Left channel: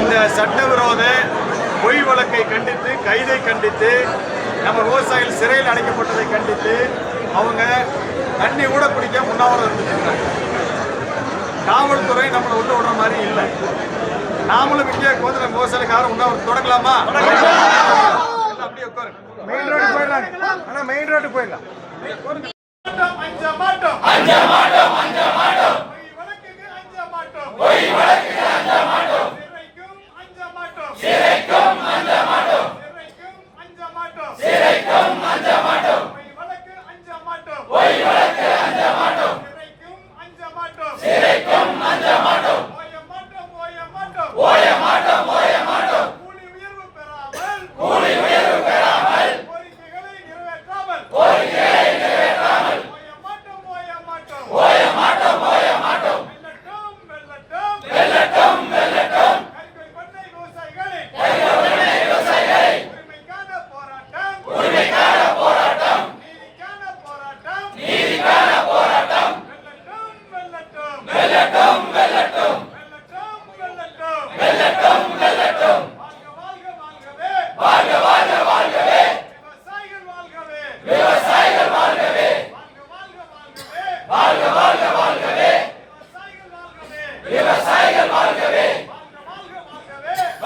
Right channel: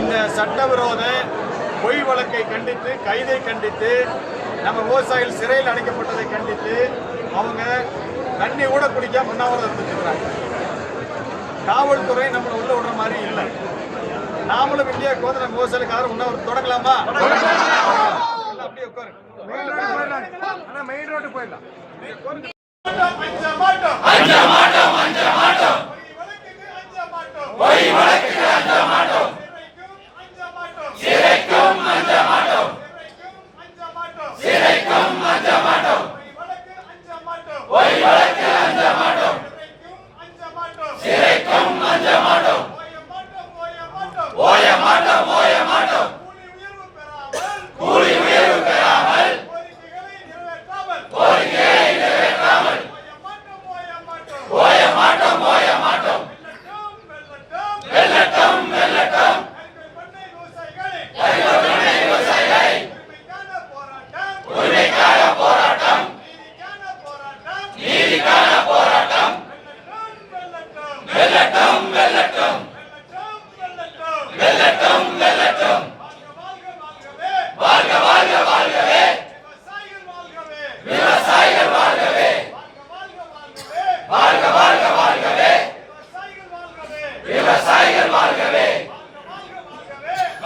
இந்த சட்டவிரோத பொய் வழக்கை கண்டித்து கைதை கண்டித்து நம்ம விவசாயிகள் சிறையில் அடைக்கப்பட்டதை கண்டித்து அவங்க தண்ணி கூட குடிக்க உண்ணாவிரதம் இருந்துருக்கிறாங்க காவல்துறை நம்மளை உள்ள விடுற மாதிரி இல்லை. நாமளும் இங்கே கோதில விவசாயிகளுக்கு யாரும் உண்ணாவிரதம் தொடங்கலாமா? அப்படியே உட்காரு மெயின் ரோடு போயிடலாம். ஆனா மெயின் ரோடு போயிடலாம். மாட்டோம் அஞ்ச மாட்டோம் அஞ்ச மாட்டோம் பொய் வழக்குக்கு அஞ்ச மாட்டோம் சிறைக்கும் அஞ்ச மாட்டோம் சிறைக்கும் அஞ்ச மாட்டோம் சிறைக்கும் அஞ்ச மாட்டோம் பொய் வழக்கு அஞ்ச மாட்டோம் சிறைக்கும் அஞ்ச மாட்டோம் ஓய மாட்டோம் ஓய மாட்டோம்